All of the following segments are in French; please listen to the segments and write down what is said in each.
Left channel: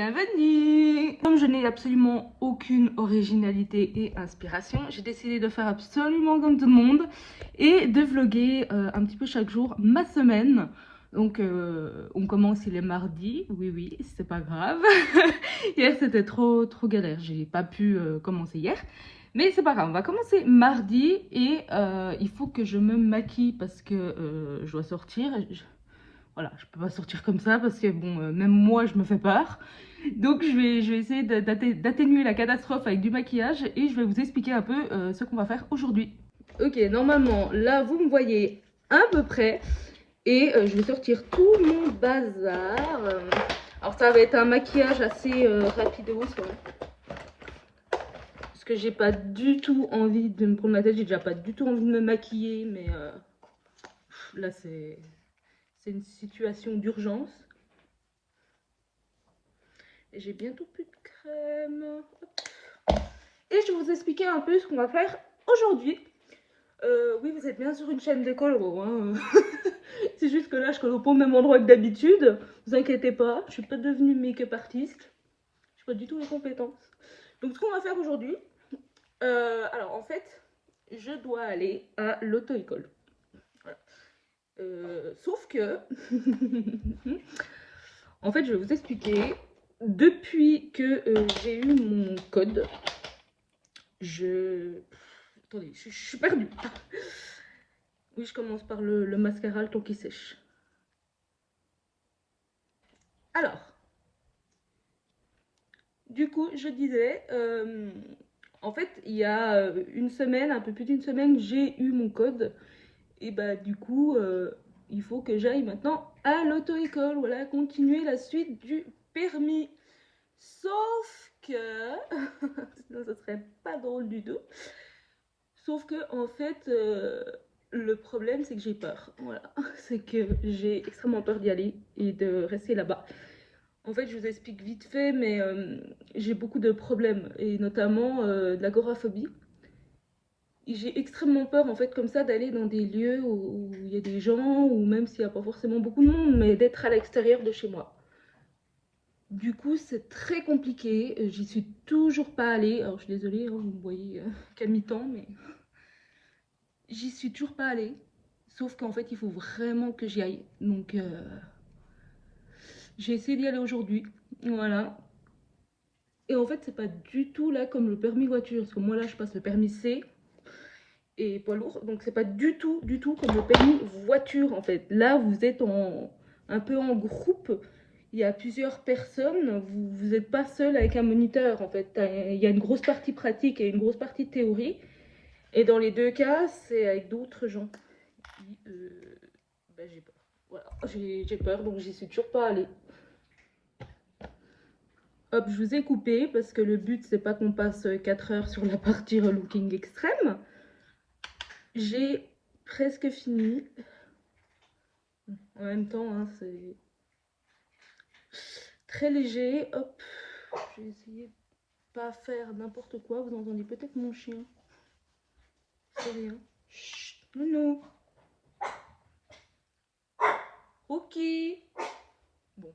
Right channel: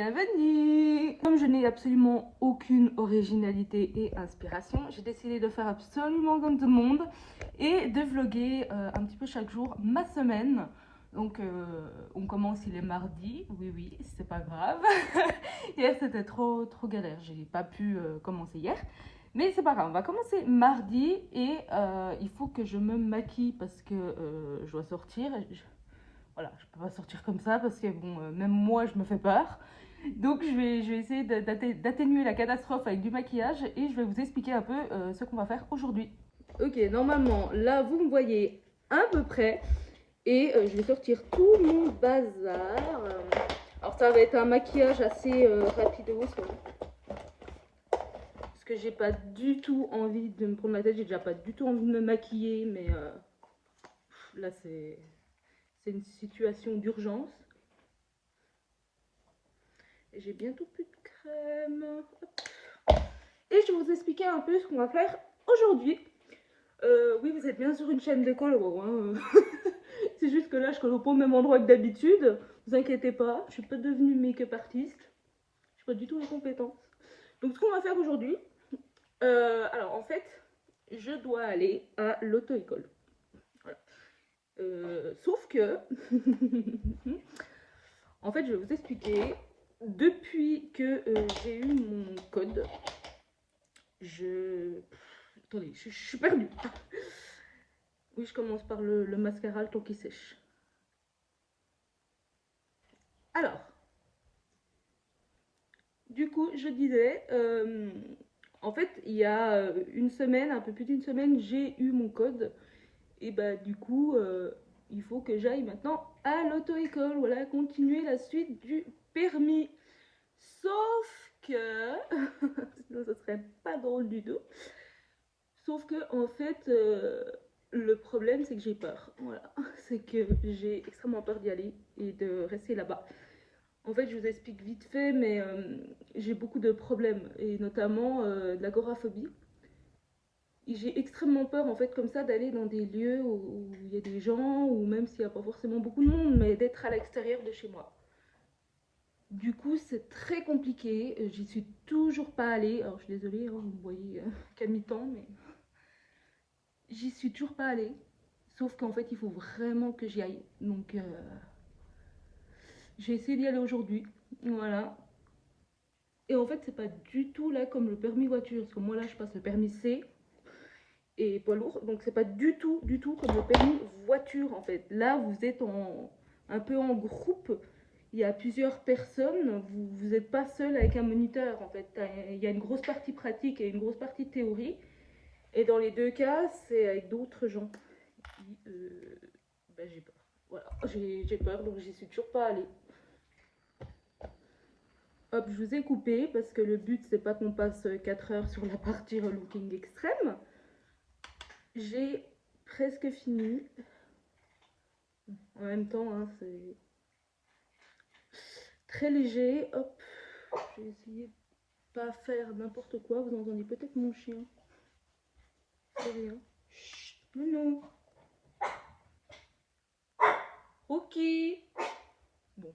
Bienvenue! Comme je n'ai absolument aucune originalité et inspiration, j'ai décidé de faire absolument comme tout le monde et de vlogger un petit peu chaque jour ma semaine. Donc on commence, il est mardi, oui, c'est pas grave. Hier c'était trop galère, j'ai pas pu commencer hier. Mais c'est pas grave, on va commencer mardi et il faut que je me maquille parce que je dois sortir. Voilà, je peux pas sortir comme ça parce que bon, même moi je me fais peur. Donc je vais essayer d'atténuer la catastrophe avec du maquillage et je vais vous expliquer un peu ce qu'on va faire aujourd'hui. Ok, normalement là vous me voyez à peu près et je vais sortir tout mon bazar. Alors ça va être un maquillage assez rapido parce que j'ai pas du tout envie de me prendre la tête, j'ai déjà pas du tout envie de me maquiller, mais là c'est une situation d'urgence. Et j'ai bientôt plus de crème. Hop. Et je vais vous expliquer un peu ce qu'on va faire aujourd'hui. Oui, vous êtes bien sur une chaîne de colo. Hein. C'est juste que là, je colle pas au même endroit que d'habitude. Vous inquiétez pas, je suis pas devenue make-up artiste. Je n'ai pas du tout les compétences. Donc, ce qu'on va faire aujourd'hui, alors en fait, je dois aller à l'auto-école. Voilà. Sauf que, en fait, je vais vous expliquer. Depuis que j'ai eu mon code, attendez, je suis perdue. Oui, je commence par le mascara, le temps qui sèche. Alors, du coup, je disais, en fait, il y a une semaine, un peu plus d'une semaine, j'ai eu mon code. Et bah, du coup, il faut que j'aille maintenant à l'auto-école. Voilà, continuer la suite du permis. Sauf que, sinon, ce serait pas drôle du tout. Sauf que, en fait, le problème, c'est que j'ai peur. Voilà, c'est que j'ai extrêmement peur d'y aller et de rester là-bas. En fait, je vous explique vite fait, mais j'ai beaucoup de problèmes, et notamment de l'agoraphobie. J'ai extrêmement peur, en fait, comme ça, d'aller dans des lieux où il y a des gens, ou même s'il n'y a pas forcément beaucoup de monde, mais d'être à l'extérieur de chez moi. Du coup, c'est très compliqué. J'y suis toujours pas allée. Alors, je suis désolée, hein, vous me voyez qu'à mi-temps, mais j'y suis toujours pas allée. Sauf qu'en fait, il faut vraiment que j'y aille. Donc, j'ai essayé d'y aller aujourd'hui. Voilà. Et en fait, c'est pas du tout là comme le permis voiture. Parce que moi, là, je passe le permis C et poids lourd. Donc, c'est pas du tout comme le permis voiture, en fait. Là, vous êtes un peu en groupe. Il y a plusieurs personnes. Vous n'êtes pas seul avec un moniteur, en fait. Il y a une grosse partie pratique et une grosse partie théorie. Et dans les deux cas, c'est avec d'autres gens. Bah, j'ai peur. Voilà, j'ai peur, donc j'y suis toujours pas allée. Hop, je vous ai coupé parce que le but c'est pas qu'on passe 4 heures sur la partie relooking extrême. J'ai presque fini. En même temps, hein, c'est très léger. Hop, je vais essayer de pas faire n'importe quoi. Vous entendez peut-être mon chien. C'est rien. Chut, non. Ok. Bon.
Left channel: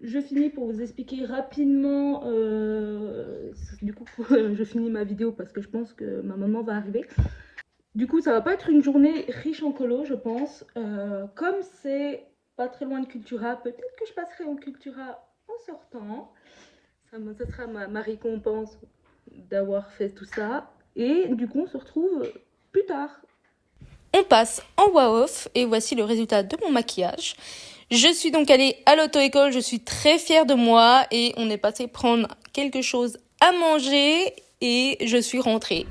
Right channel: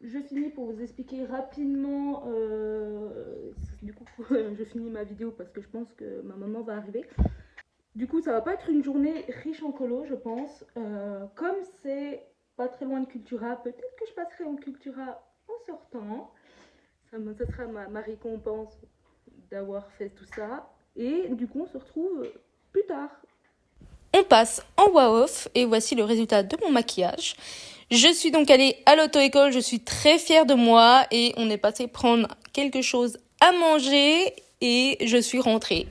Je finis pour vous expliquer rapidement. Du coup, je finis ma vidéo parce que je pense que ma maman va arriver. Du coup, ça va pas être une journée riche en colo, je pense. Comme c'est pas très loin de Cultura, peut-être que je passerai en Cultura en sortant. Ça sera ma récompense d'avoir fait tout ça. Et du coup, on se retrouve plus tard. On passe en voix off et voici le résultat de mon maquillage. Je suis donc allée à l'auto-école, je suis très fière de moi et on est passé prendre quelque chose à manger et je suis rentrée.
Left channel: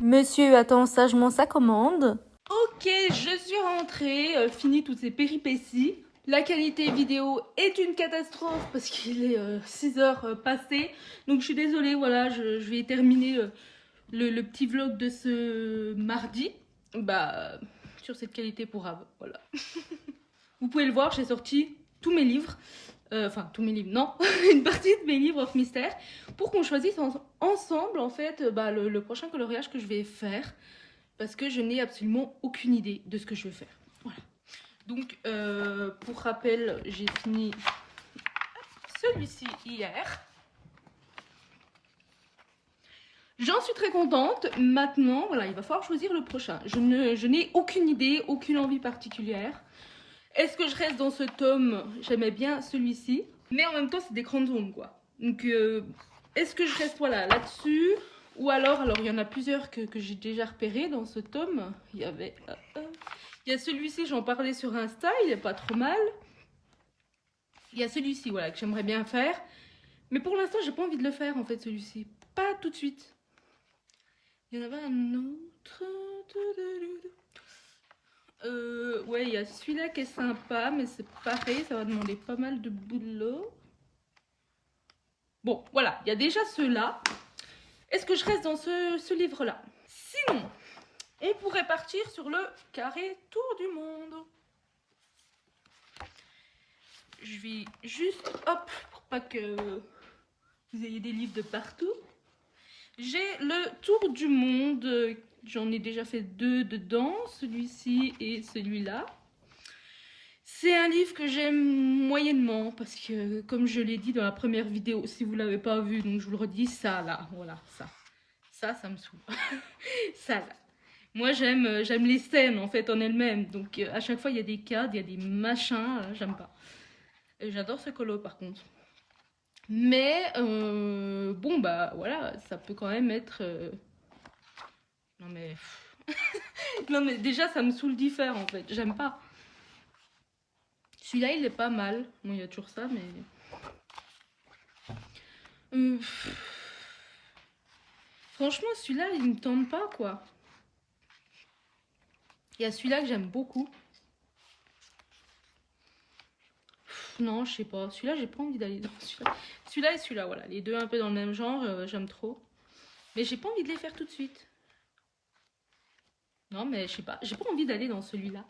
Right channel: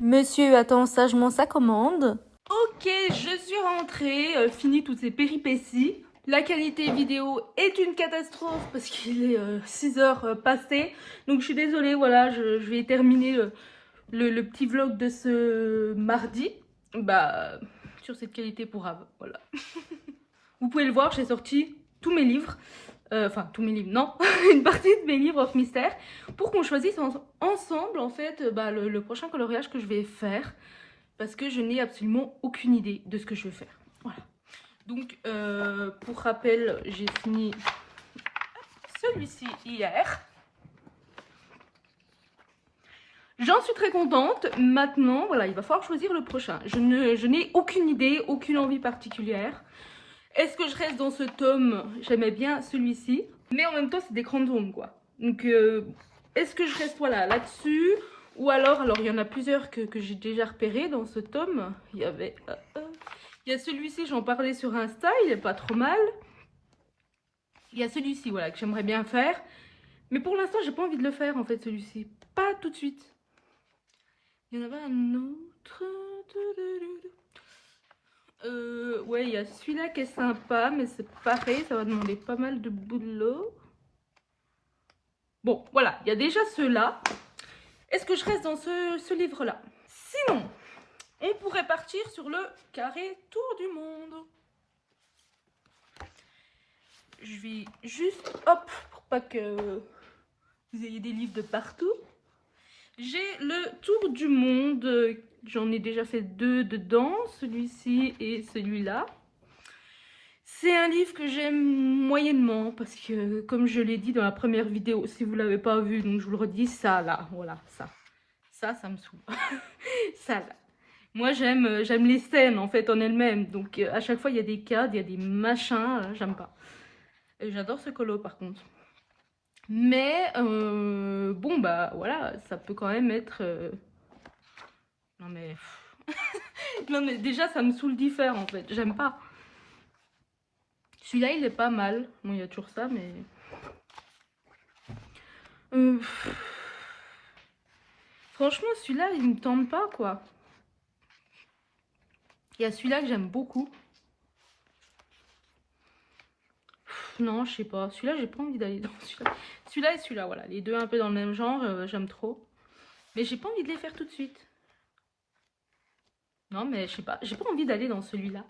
Monsieur attend sagement sa commande. Ok, je suis rentrée, fini toutes ces péripéties. La qualité vidéo est une catastrophe parce qu'il est 6 heures passées. Donc je suis désolée, voilà, je vais terminer le petit vlog de ce mardi. Bah, sur cette qualité pourrave, voilà. Vous pouvez le voir, j'ai sorti tous mes livres. Enfin, tous mes livres, non. Une partie de mes livres off mystère. Pour qu'on choisisse ensemble, en fait, le prochain coloriage que je vais faire. Parce que je n'ai absolument aucune idée de ce que je veux faire. Voilà. Donc, pour rappel, j'ai fini celui-ci hier. J'en suis très contente. Maintenant, voilà, il va falloir choisir le prochain. Je n'ai aucune idée, aucune envie particulière. Est-ce que je reste dans ce tome? J'aimais bien celui-ci. Mais en même temps, c'est des grandes ombres, quoi. Donc, est-ce que je reste voilà, là-dessus? Ou alors il y en a plusieurs que j'ai déjà repérés dans ce tome. Il y a celui-ci, j'en parlais sur Insta, il est pas trop mal. Il y a celui-ci, voilà, que j'aimerais bien faire. Mais pour l'instant, j'ai pas envie de le faire, en fait, celui-ci. Pas tout de suite. Il y en avait un autre. Ouais, il y a celui-là qui est sympa, mais c'est pareil, ça va demander pas mal de boulot. Bon, voilà, il y a déjà ceux-là. Est-ce que je reste dans ce livre-là? Sinon, on pourrait partir sur le carré tour du monde. Je vais juste, hop, pour pas que vous ayez des livres de partout. J'ai le tour du monde, j'en ai déjà fait 2 dedans, celui-ci et celui-là. C'est un livre que j'aime moyennement parce que, comme je l'ai dit dans la première vidéo, si vous ne l'avez pas vu, donc je vous le redis, ça là, voilà, ça me saoule. Ça là. Moi j'aime les scènes en fait en elles-mêmes, donc à chaque fois il y a des cadres, il y a des machins, j'aime pas. J'adore ce colo par contre. Mais bon bah voilà, ça peut quand même être... Non mais... non mais déjà ça me saoule d'y faire en fait, j'aime pas. Celui-là il est pas mal, bon il y a toujours ça mais... Franchement celui-là il me tente pas quoi. Il y a celui-là que j'aime beaucoup. Non je sais pas, celui-là j'ai pas envie d'aller dans celui-là. Celui-là et celui-là, voilà, les deux un peu dans le même genre, j'aime trop. Mais j'ai pas envie de les faire tout de suite. Non mais je sais pas, j'ai pas envie d'aller dans celui-là.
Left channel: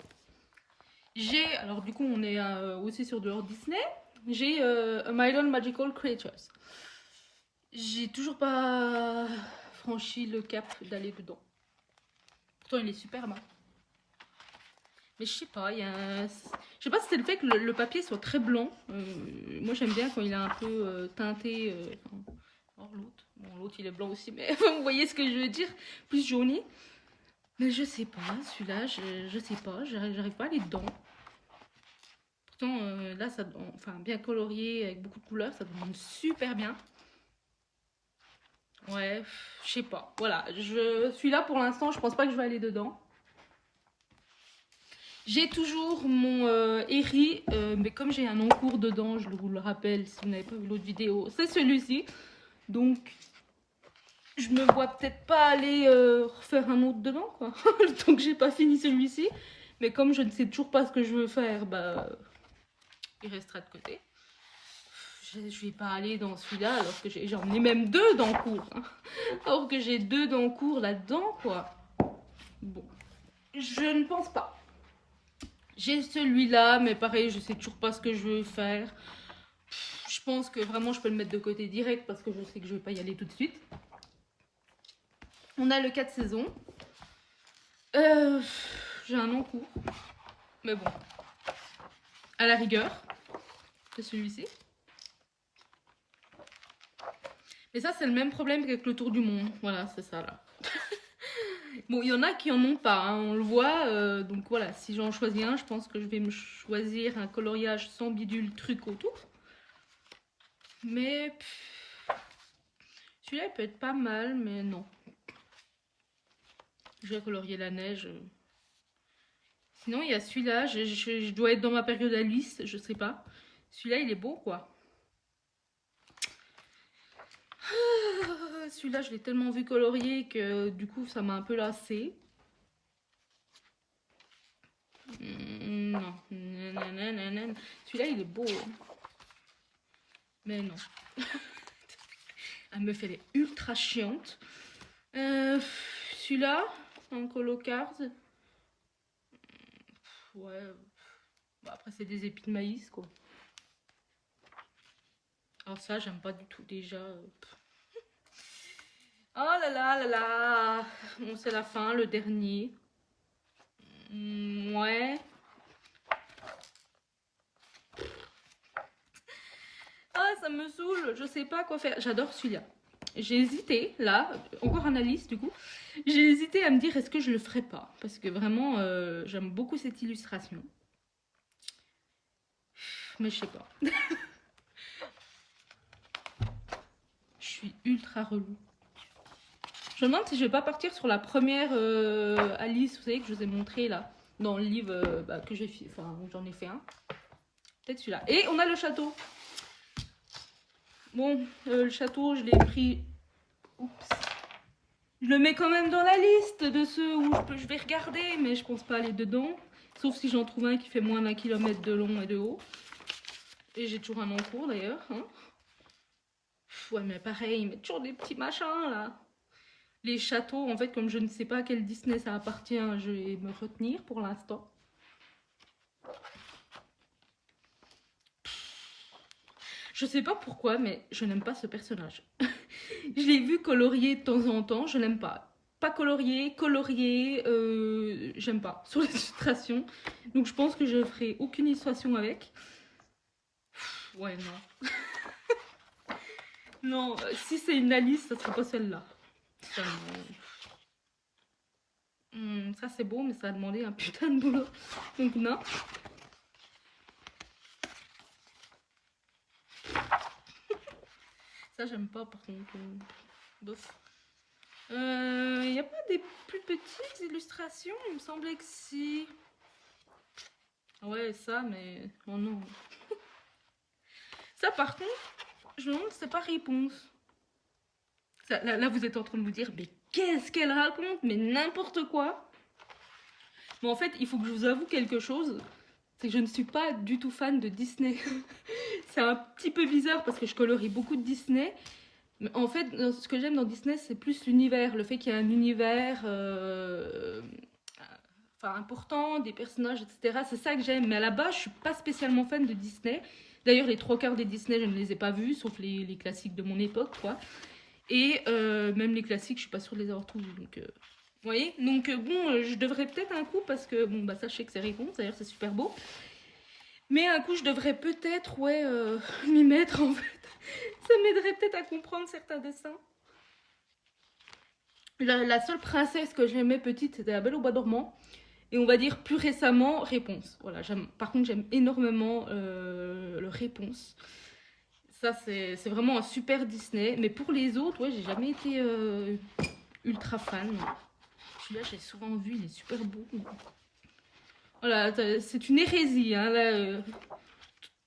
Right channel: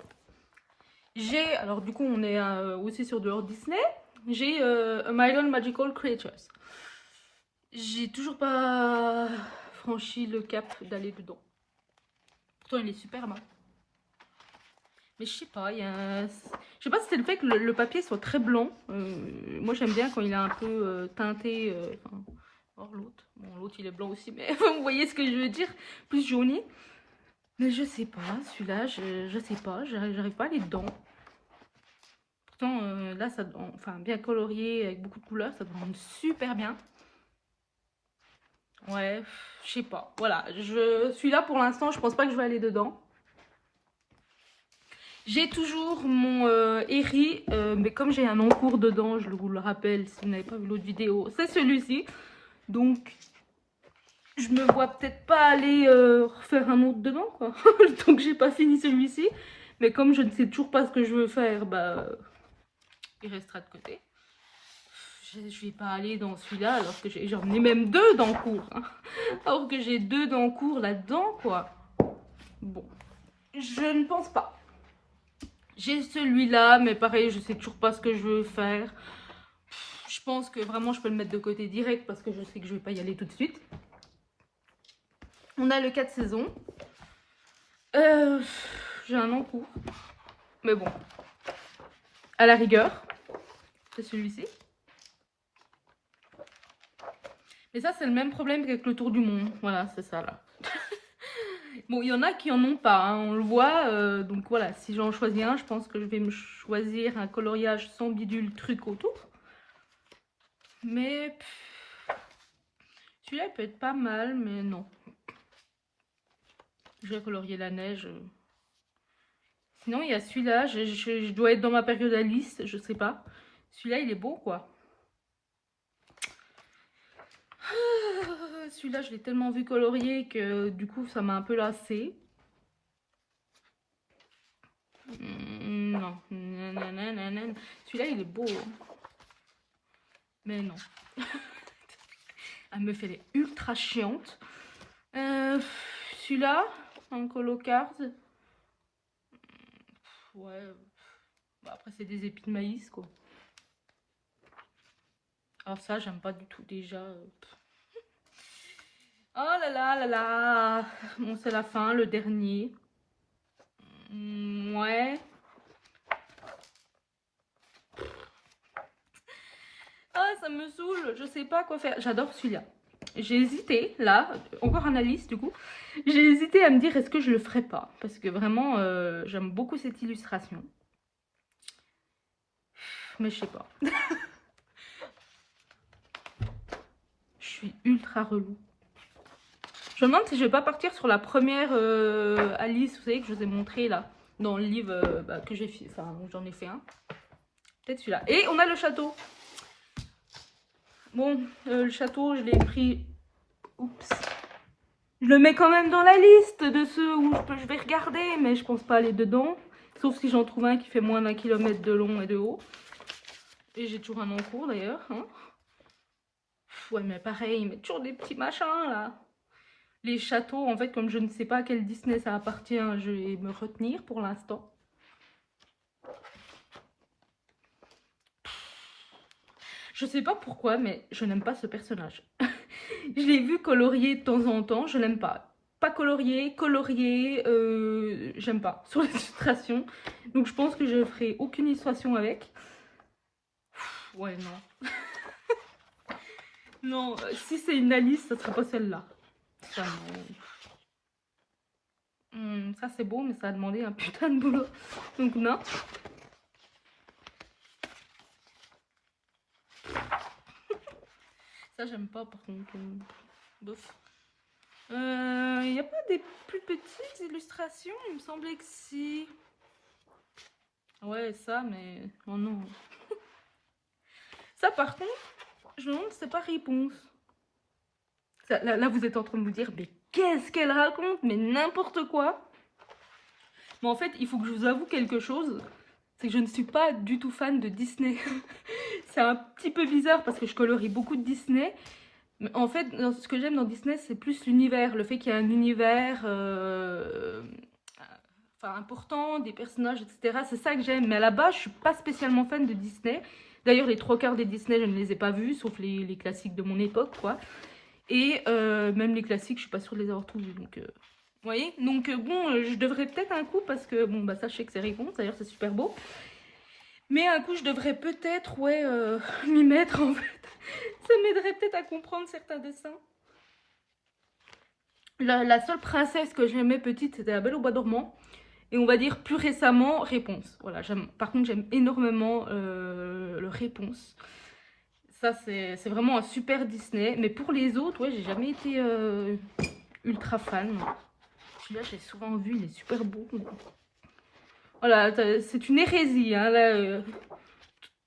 J'ai, alors du coup on est aussi sur de Walt Disney. J'ai A Million Magical Creatures. J'ai toujours pas franchi le cap d'aller dedans. Pourtant il est super bon. Mais je sais pas, il y a... Je sais pas si c'est le fait que le papier soit très blanc. Moi j'aime bien quand il est un peu teinté. Or l'autre. Bon, l'autre il est blanc aussi, mais vous voyez ce que je veux dire. Plus jauni. Mais je sais pas, celui-là, je sais pas, j'arrive pas à aller dedans. Pourtant, là, ça, enfin, bien colorié, avec beaucoup de couleurs, ça donne super bien. Ouais, je sais pas. Voilà, celui-là, pour l'instant, je pense pas que je vais aller dedans. J'ai toujours mon Eri, mais comme j'ai un encours dedans, je vous le rappelle, si vous n'avez pas vu l'autre vidéo, c'est celui-ci. Donc, je me vois peut-être pas aller refaire un autre dedans, quoi. Tant que j'ai pas fini celui-ci. Mais comme je ne sais toujours pas ce que je veux faire, bah... il restera de côté. Je vais pas aller dans celui-là alors que j'en ai même 2 dans le cours. Hein. Alors que j'ai 2 dans le cours là-dedans, quoi. Bon, je ne pense pas. J'ai celui-là, mais pareil, je sais toujours pas ce que je veux faire. Je pense que vraiment je peux le mettre de côté direct parce que je sais que je vais pas y aller tout de suite. On a le 4 saisons. J'ai un encours. Mais bon, à la rigueur, c'est celui-ci. Mais ça, c'est le même problème qu'avec le tour du monde. Voilà, c'est ça là. Bon, il y en a qui en ont pas, hein, on le voit. Donc voilà, si j'en choisis un, je pense que je vais me choisir un coloriage sans bidule truc autour. Mais celui-là, il peut être pas mal, mais non. Je vais colorier la neige. Sinon, il y a celui-là. Je dois être dans ma période Alice, je sais pas. Celui-là, il est beau, quoi. Celui-là, je l'ai tellement vu colorier que du coup, ça m'a un peu lassé. Non. Celui-là, il est beau. Hein. Mais non. Elle me fait les ultra chiante. Celui-là, en colo card. Ouais. Bah, après, c'est des épis de maïs, quoi. Ah, ça, j'aime pas du tout déjà. Oh là là là là. Bon, c'est la fin, le dernier. Ouais. ça me saoule, je sais pas quoi faire. J'adore celui-là. J'ai hésité, là, encore un Alice du coup. J'ai hésité à me dire est-ce que je le ferais pas. Parce que vraiment, j'aime beaucoup cette illustration. Mais je sais pas. Je suis ultra relou. Je me demande si je vais pas partir sur la première Alice, vous savez, que je vous ai montré là, dans le livre que j'ai fait. Enfin, j'en ai fait un. Peut-être celui-là. Et on a le château. Bon, le château, je l'ai pris. Oups. Je le mets quand même dans la liste de ceux où je vais regarder, mais je pense pas aller dedans. Sauf si j'en trouve un qui fait moins d'1 km de long et de haut. Et j'ai toujours un en cours d'ailleurs. Hein. Ouais, mais pareil, il met toujours des petits machins là. Les châteaux, en fait, comme je ne sais pas à quel Disney ça appartient, je vais me retenir pour l'instant. Je sais pas pourquoi, mais je n'aime pas ce personnage. Je l'ai vu colorier de temps en temps, je l'aime pas. Pas colorier, j'aime pas. Sur les illustrations. Donc je pense que je ferai aucune illustration avec. Ouais, non. Non, si c'est une Alice, ça sera pas celle-là. Ça c'est beau, mais ça a demandé un putain de boulot. Donc non. Ça j'aime pas par contre. Bof. Il n'y a pas des plus petites illustrations? Il me semblait que si. Ouais, ça, mais. Oh non. Ça par contre, je me demande si c'est pas réponse. Ça, là, vous êtes en train de vous dire, mais qu'est-ce qu'elle raconte? Mais n'importe quoi. Mais en fait, il faut que je vous avoue quelque chose. C'est que je ne suis pas du tout fan de Disney. C'est un petit peu bizarre parce que je colorie beaucoup de Disney. Mais en fait, ce que j'aime dans Disney, c'est plus l'univers. Le fait qu'il y a un univers important, des personnages, etc. C'est ça que j'aime. Mais à la base, je suis pas spécialement fan de Disney. D'ailleurs, les 3/4 des Disney, je ne les ai pas vus, sauf les classiques de mon époque, quoi. Et même les classiques, je suis pas sûre de les avoir tous vus. Donc, vous voyez? Donc, bon, je devrais peut-être un coup, parce que, bon, bah ça, je sais que c'est réponse. D'ailleurs, c'est super beau. Mais un coup, je devrais peut-être, ouais, m'y mettre, en fait. Ça m'aiderait peut-être à comprendre certains dessins. La seule princesse que j'aimais petite, c'était La Belle au Bois dormant. Et on va dire plus récemment, Réponse. Voilà, par contre, j'aime énormément le Réponse. Ça, c'est vraiment un super Disney. Mais pour les autres, ouais, j'ai jamais été ultra fan. Celui-là, j'ai souvent vu, il est super beau. Voilà, c'est une hérésie. Hein, là,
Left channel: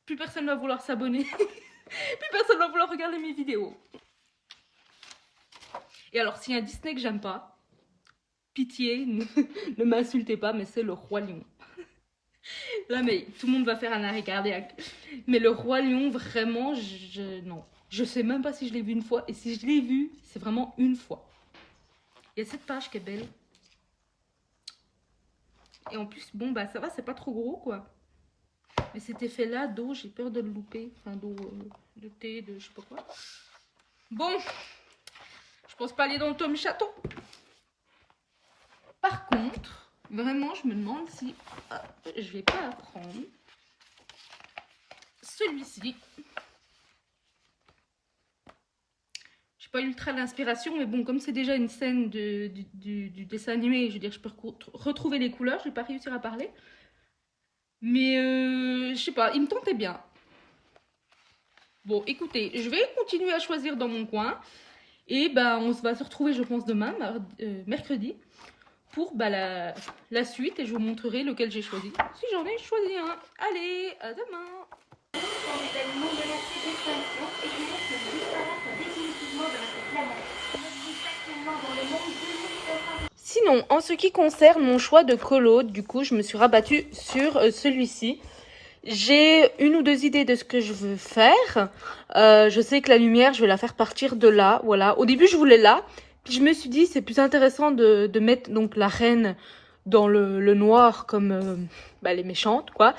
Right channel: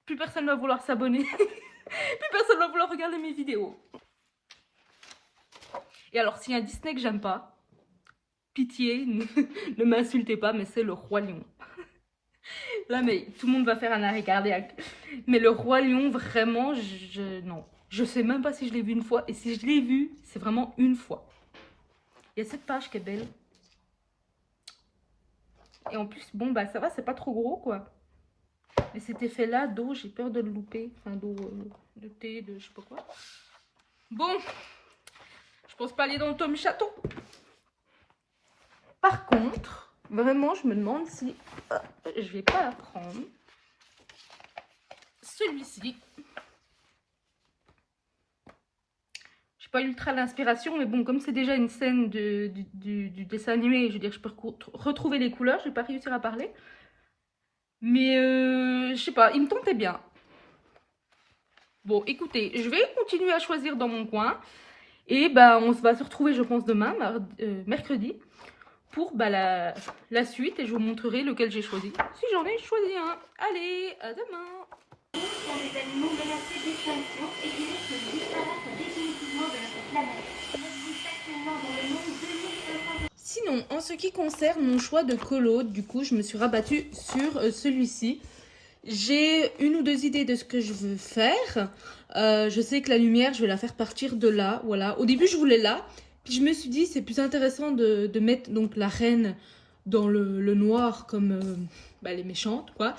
plus personne va vouloir s'abonner. Plus personne va vouloir regarder mes vidéos. Et alors, s'il y a un Disney que j'aime pas, pitié, ne m'insultez pas, mais c'est le Roi Lion. Là, mais tout le monde va faire un arrêt cardiaque. Mais le Roi Lion, vraiment, non. Je sais même pas si je l'ai vu une fois. Et si je l'ai vu, c'est vraiment une fois. Il y a cette page qui est belle. Et en plus, bon, bah ça va, c'est pas trop gros, quoi. Mais cet effet-là d'eau, j'ai peur de le louper. Enfin, d'eau, de thé, de je sais pas quoi. Bon, je pense pas aller dans le tome château. Par contre, vraiment, je me demande si je vais pas la prendre. Celui-ci. J'ai pas ultra l'inspiration, mais bon, comme c'est déjà une scène du dessin animé, je veux dire, je peux retrouver les couleurs, je vais pas réussir à parler. Mais je sais pas, il me tentait bien. Bon, écoutez, je vais continuer à choisir dans mon coin. Et bah, on va se retrouver, je pense, demain, mercredi, pour bah, la suite. Et je vous montrerai lequel j'ai choisi. Si j'en ai choisi un. Allez, à demain. Sinon, en ce qui concerne mon choix de colo, du coup, je me suis rabattue sur celui-ci. J'ai une ou deux idées de ce que je veux faire. Je sais que la lumière, je vais la faire partir de là. Voilà. Au début, je voulais là. Puis je me suis dit, c'est plus intéressant de mettre donc la reine dans le noir comme les méchantes, quoi.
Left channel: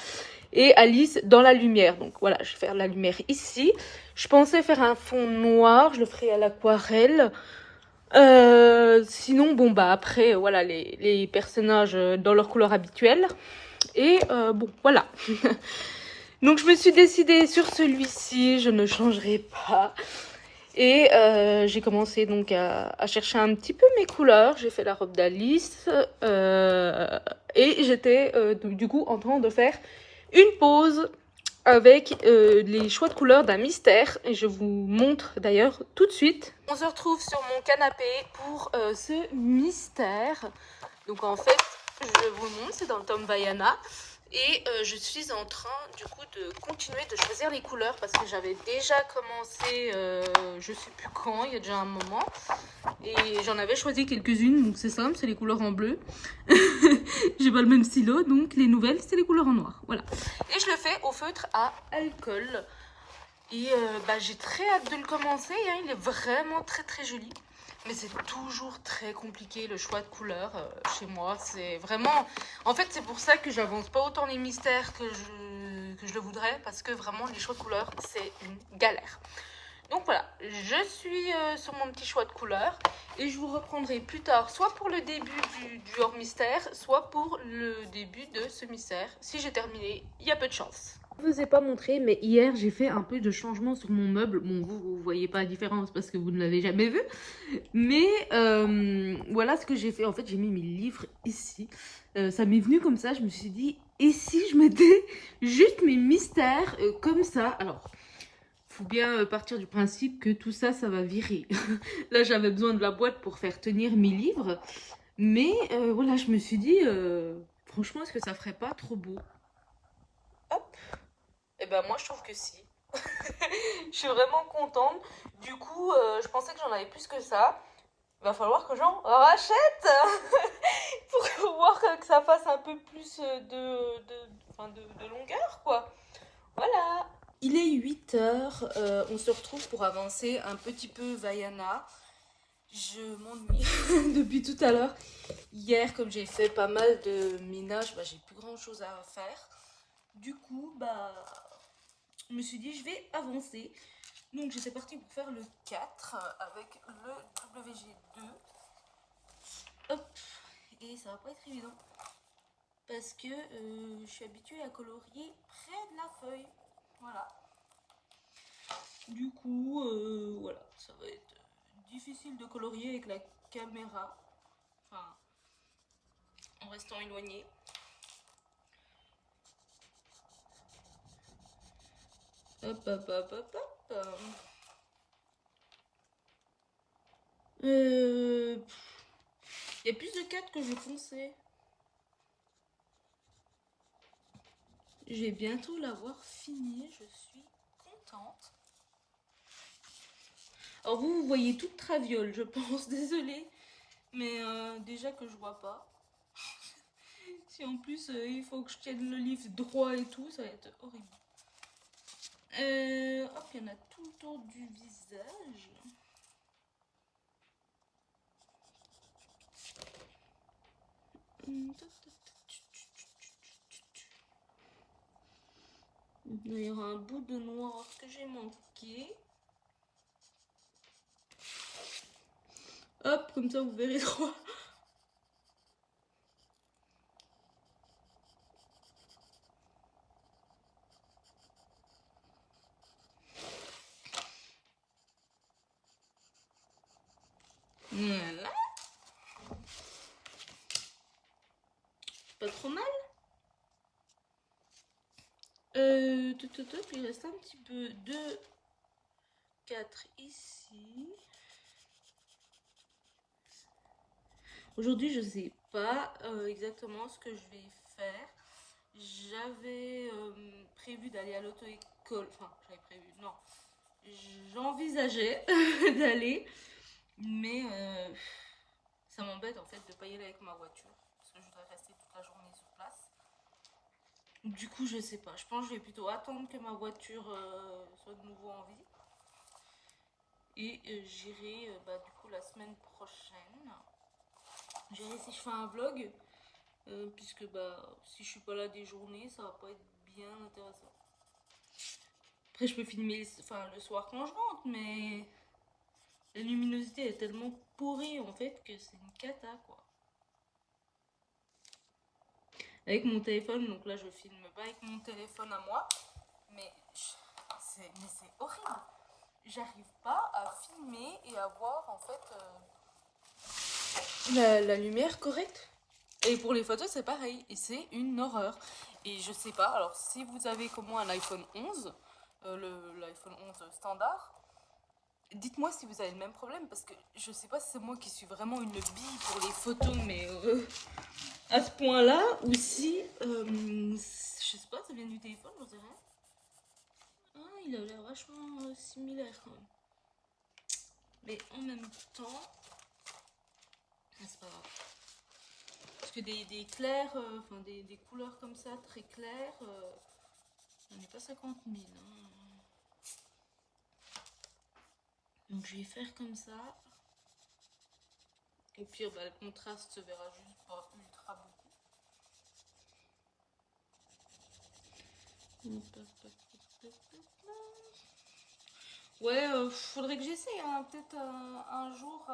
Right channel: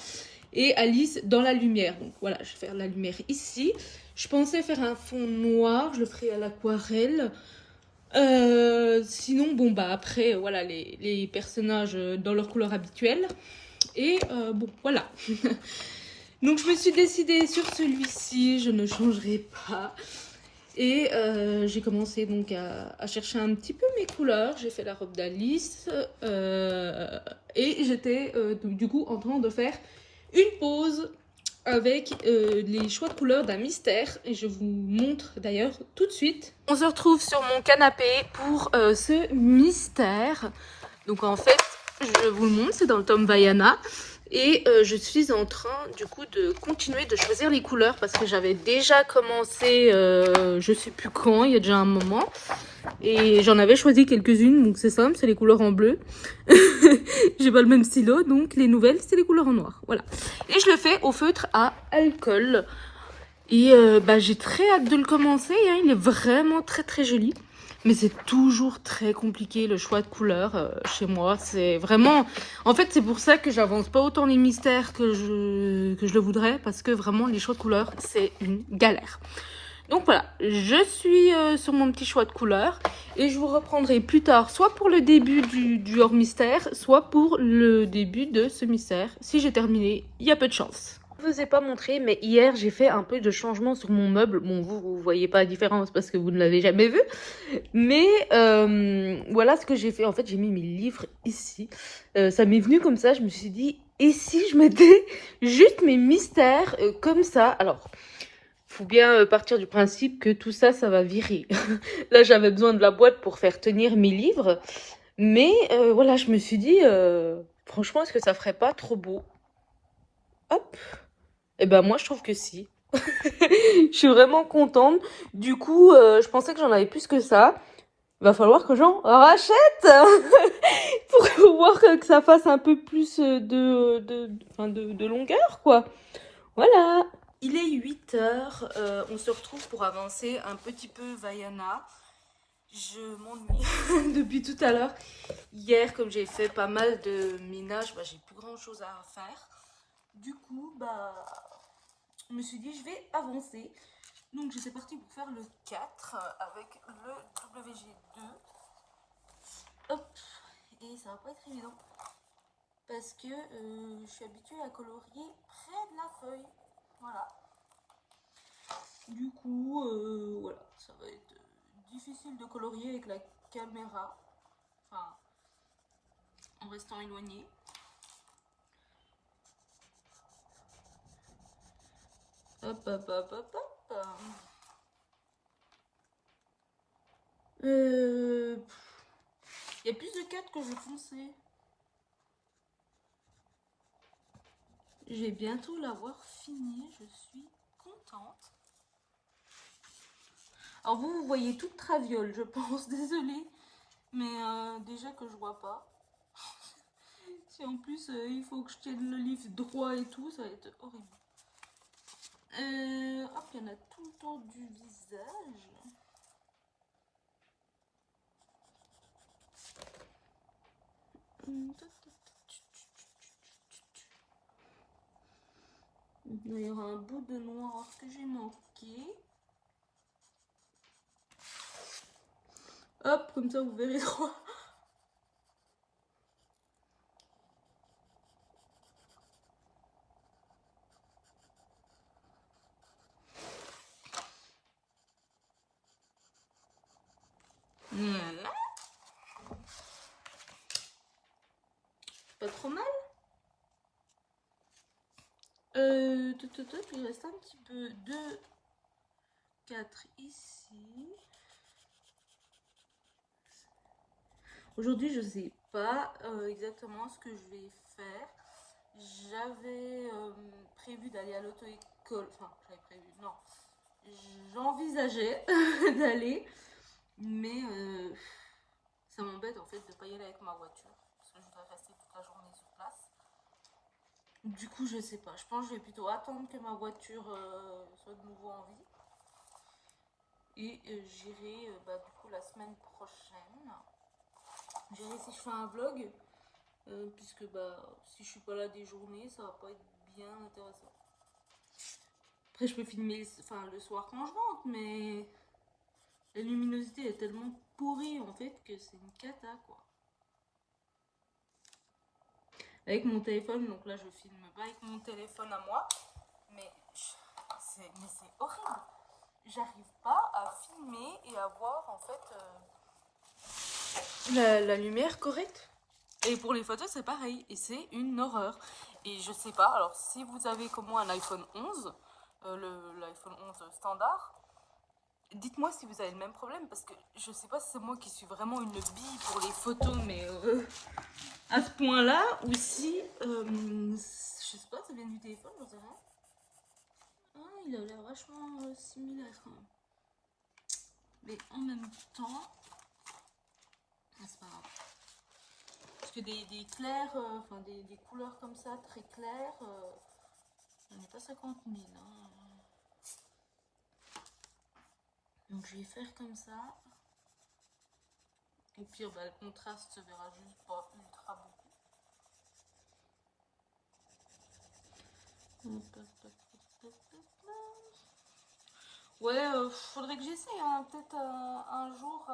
Et Alice dans la lumière. Donc voilà, je vais faire la lumière ici. Je pensais faire un fond noir. Je le ferai à l'aquarelle. Sinon, bon, bah après, voilà, les personnages dans leur couleur habituelle. Et bon, voilà. Donc je me suis décidée sur celui-ci, je ne changerai pas. Et j'ai commencé donc à chercher un petit peu mes couleurs. J'ai fait la robe d'Alice et j'étais du coup en train de faire une pause avec les choix de couleurs d'un mystère. Et je vous montre d'ailleurs tout de suite. On se retrouve sur mon canapé pour ce mystère. Donc en fait, je vous le montre, c'est dans le tome Vaiana. Et je suis en train du coup de continuer de choisir les couleurs parce que j'avais déjà commencé, je sais plus quand, il y a déjà un moment. Et j'en avais choisi quelques-unes, donc c'est simple, c'est les couleurs en bleu. J'ai pas le même stylo, donc les nouvelles, c'est les couleurs en noir. Voilà. Et je le fais au feutre à alcool. Et j'ai très hâte de le commencer, hein. Il est vraiment très très joli. Mais c'est toujours très compliqué le choix de couleurs chez moi. C'est vraiment... En fait, c'est pour ça que j'avance pas autant les mystères que je le voudrais. Parce que vraiment, les choix de couleurs, c'est une galère. Donc voilà, je suis sur mon petit choix de couleurs. Et je vous reprendrai plus tard, soit pour le début du hors mystère, soit pour le début de ce mystère. Si j'ai terminé, il y a peu de chance. Je ne vous ai pas montré, mais hier j'ai fait un peu de changement sur mon meuble. Bon, vous voyez pas la différence parce que vous ne l'avez jamais vu. Mais voilà ce que j'ai fait. En fait, j'ai mis mes livres ici. Ça m'est venu comme ça. Je me suis dit, et si je mettais juste mes mystères comme ça? Alors, faut bien partir du principe que tout ça, ça va virer. Là, j'avais besoin de la boîte pour faire tenir mes livres. Mais voilà, je me suis dit, franchement, est-ce que ça ferait pas trop beau? Hop. Eh ben moi, je trouve que si. Je suis vraiment contente. Du coup, je pensais que j'en avais plus que ça. Il va falloir que j'en rachète pour pouvoir que ça fasse un peu plus de longueur, quoi. Voilà. Il est 8 heures. On se retrouve pour avancer un petit peu Vaiana. Je m'ennuie depuis tout à l'heure. Hier, comme j'ai fait pas mal de ménage, j'ai plus grand chose à faire. Du coup, je me suis dit, je vais avancer. Donc, j'étais partie pour faire le 4 avec le WG2. Hop. Et ça va pas être évident. Parce que je suis habituée à colorier près de la feuille. Voilà. Du coup, voilà. Ça va être difficile de colorier avec la caméra. Enfin, en restant éloigné. Hop, hop, hop, hop, hop. Il y a plus de 4 que je pensais. Je vais bientôt l'avoir fini. Je suis contente. Alors vous voyez toute traviole, je pense. Désolée. Mais déjà que je vois pas. Si en plus il faut que je tienne le livre droit et tout, ça va être horrible. Hop, il y en a tout le tour du visage. Il y aura un bout de noir que j'ai manqué. Hop, comme ça vous verrez droit. Pas trop mal. Il reste un petit peu de 4 ici. Aujourd'hui, je sais pas exactement ce que je vais faire. J'avais prévu d'aller à l'auto-école. Enfin, j'avais prévu, non. J'envisageais d'aller. Mais ça m'embête en fait de pas y aller avec ma voiture. Parce que je voudrais rester toute la journée sur place. Du coup, je sais pas. Je pense que je vais plutôt attendre que ma voiture soit de nouveau en vie. Et j'irai du coup la semaine prochaine. J'irai si je fais un vlog. Puisque si je suis pas là des journées, ça va pas être bien intéressant. Après, je peux filmer le soir quand je rentre, mais la luminosité est tellement pourrie en fait que c'est une cata quoi. Avec mon téléphone, donc là je filme pas avec mon téléphone à moi. mais c'est horrible. J'arrive pas à filmer et à voir en fait la lumière correcte. Et pour les photos, c'est pareil. Et c'est une horreur. Et je sais pas, alors si vous avez comme moi un iPhone 11, l'iPhone 11 standard, dites-moi si vous avez le même problème, parce que je sais pas si c'est moi qui suis vraiment une bille pour les photos, mais à ce point-là, ou si, je sais pas, ça vient du téléphone, j'en sais rien. Ah, il a l'air vachement similaire quand même. Mais en même temps, c'est pas grave. Parce que des clairs, enfin des couleurs comme ça, très claires, j'en ai pas 50 000. Hein. Donc je vais faire comme ça. Au pire, bah, le contraste se verra juste pas ultra beaucoup. Ouais, faudrait que j'essaye hein, peut-être un jour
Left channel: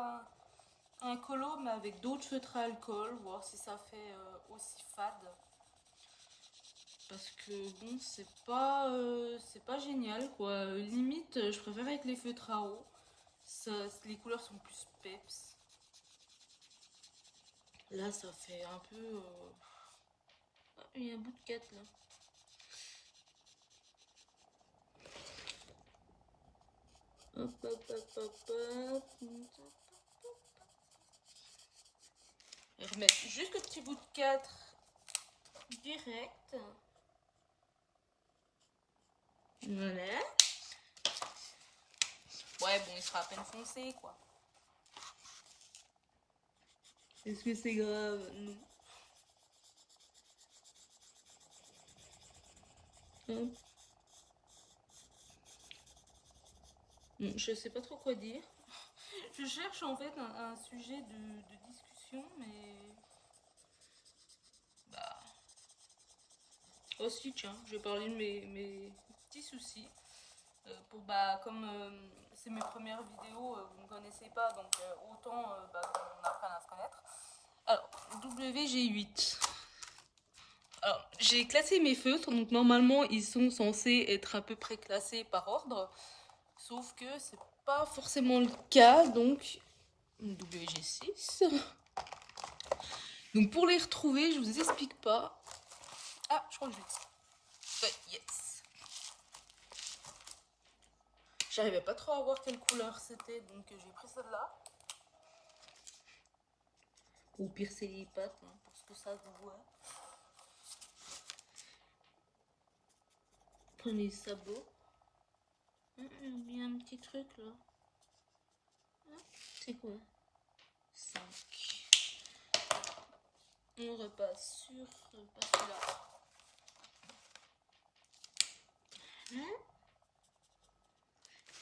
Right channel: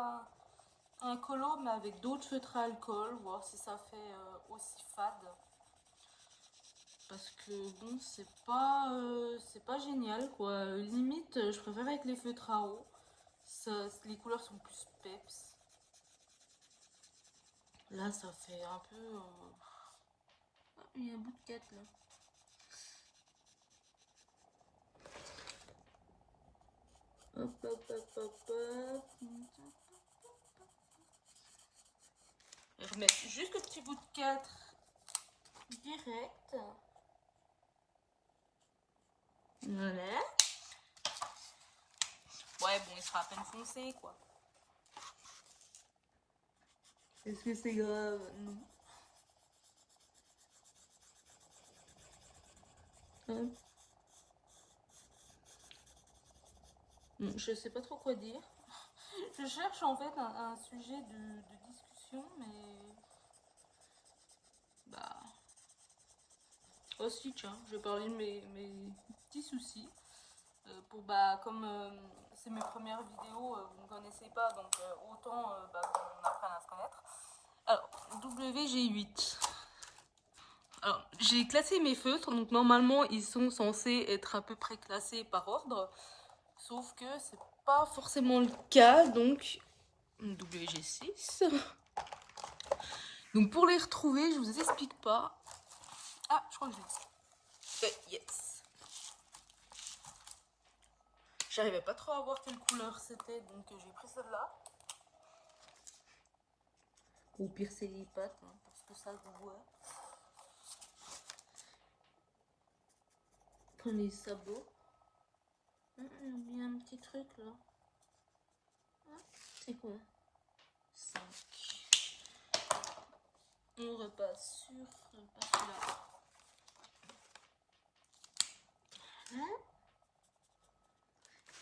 un colo, mais avec d'autres feutres à alcool, voir si ça fait aussi fade. Parce que bon, c'est pas génial quoi. Limite, je préfère avec les feutres à eau. Ça, les couleurs sont plus peps. Là, ça fait un peu. Ah, il y a un bout de 4 là. Hop, hop, hop, hop, hop. Je vais mettre juste le petit bout de 4 direct. Voilà. Ouais, bon, il sera à peine foncé, quoi. Est-ce que c'est grave? Hop. Bon, je sais pas trop quoi dire. Je cherche en fait un sujet de discussion, mais... Bah... Oh si, tiens, je vais parler de mes petits soucis. Pour, bah, comme c'est mes premières vidéos, vous ne me connaissez pas, donc autant bah, qu'on apprenne à se connaître. Alors, WG8. Alors, j'ai classé mes feutres, donc normalement ils sont censés être à peu près classés par ordre, sauf que c'est pas forcément le cas, donc WG6. Donc pour les retrouver, je vous explique pas. Ah, je crois que je l'ai. Yes. J'arrivais pas trop à voir quelle couleur c'était, donc j'ai pris celle-là. Ou pire c'est les pattes, hein, parce que ça se voit. Prenez les sabots. Il y a un petit truc là. C'est quoi? 5. On repasse sur là. Hein?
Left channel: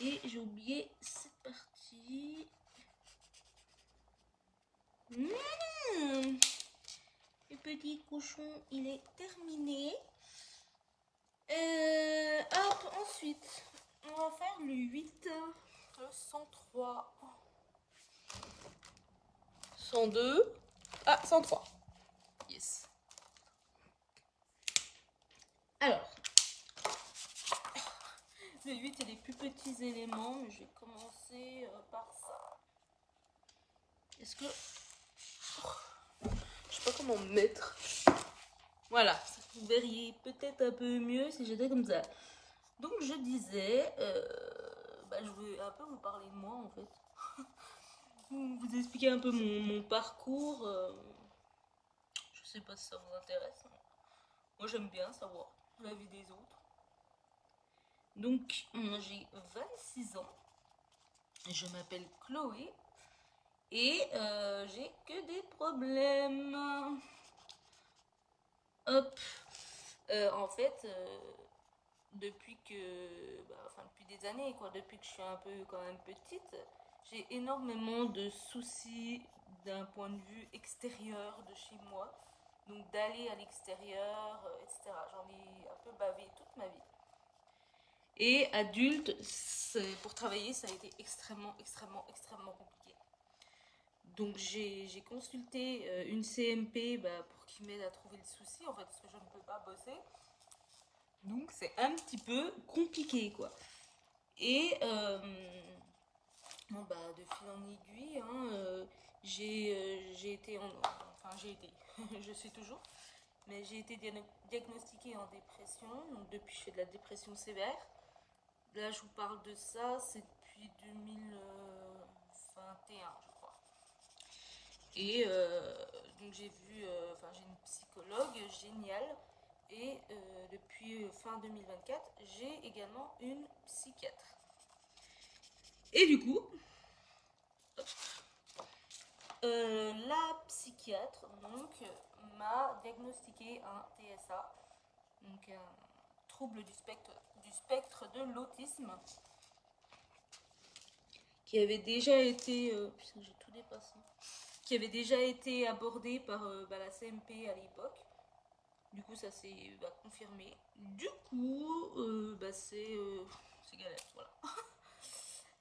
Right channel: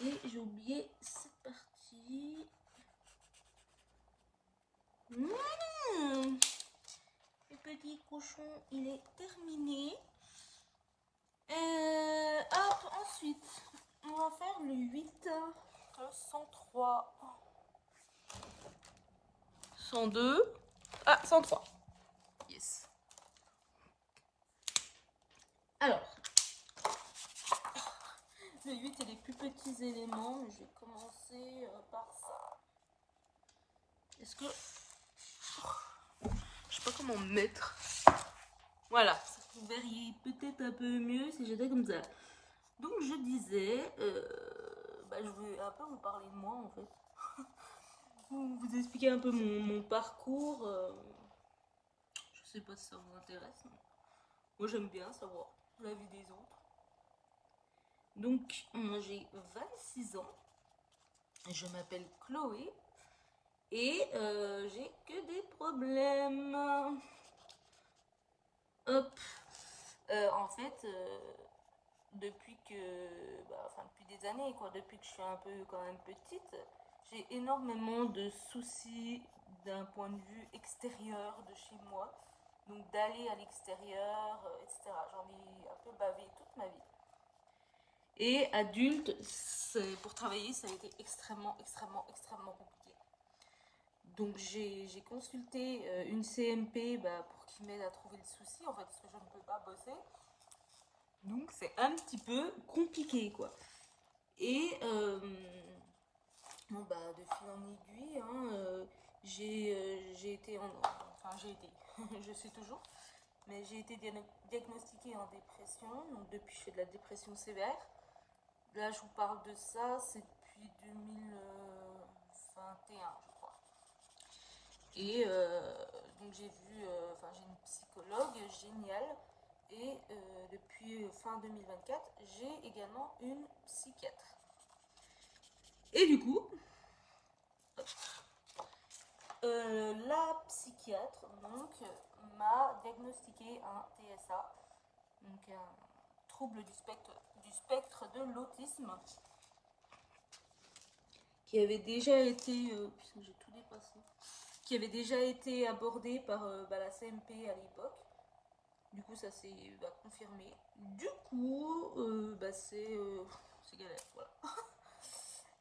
Et j'ai oublié cette partie. Le petit cochon, il est terminé. Hop, ensuite, on va faire le 8, le 103, 102, 103. Yes. Alors, le 8 et les plus petits éléments, je vais commencer par ça. Est-ce que... Je sais pas comment mettre. Voilà, vous verriez peut-être un peu mieux si j'étais comme ça. Donc je disais, bah, je vais un peu vous parler de moi en fait. Vous expliquer un peu mon parcours. Je sais pas si ça vous intéresse. Moi j'aime bien savoir la vie des autres. Donc j'ai 26 ans. Je m'appelle Chloé. Et j'ai que des problèmes. Hop. En fait, depuis que, bah, enfin depuis des années, quoi, depuis que je suis un peu quand même petite, j'ai énormément de soucis d'un point de vue extérieur de chez moi. Donc d'aller à l'extérieur, etc. J'en ai un peu bavé toute ma vie. Et adulte, pour travailler, ça a été extrêmement, extrêmement, extrêmement compliqué. Donc j'ai consulté une CMP bah, pour qu'il m'aide à trouver le souci, en fait, parce que je ne peux pas bosser. Donc c'est un petit peu compliqué quoi. Et bon bah de fil en aiguille, hein, j'ai été enfin j'ai été, je suis toujours, mais j'ai été diagnostiquée en dépression. Donc depuis je fais de la dépression sévère. Là je vous parle de ça, c'est depuis 2021 je crois. Et donc j'ai vu, enfin j'ai une psychologue géniale. Et depuis fin 2024, j'ai également une psychiatre. Et du coup, la psychiatre donc m'a diagnostiqué un TSA, donc un trouble du spectre de l'autisme, qui avait déjà été, putain, j'ai tout dépassé, qui avait déjà été abordé par la CMP à l'époque. Du coup, ça s'est confirmé. Du coup, c'est galère, voilà.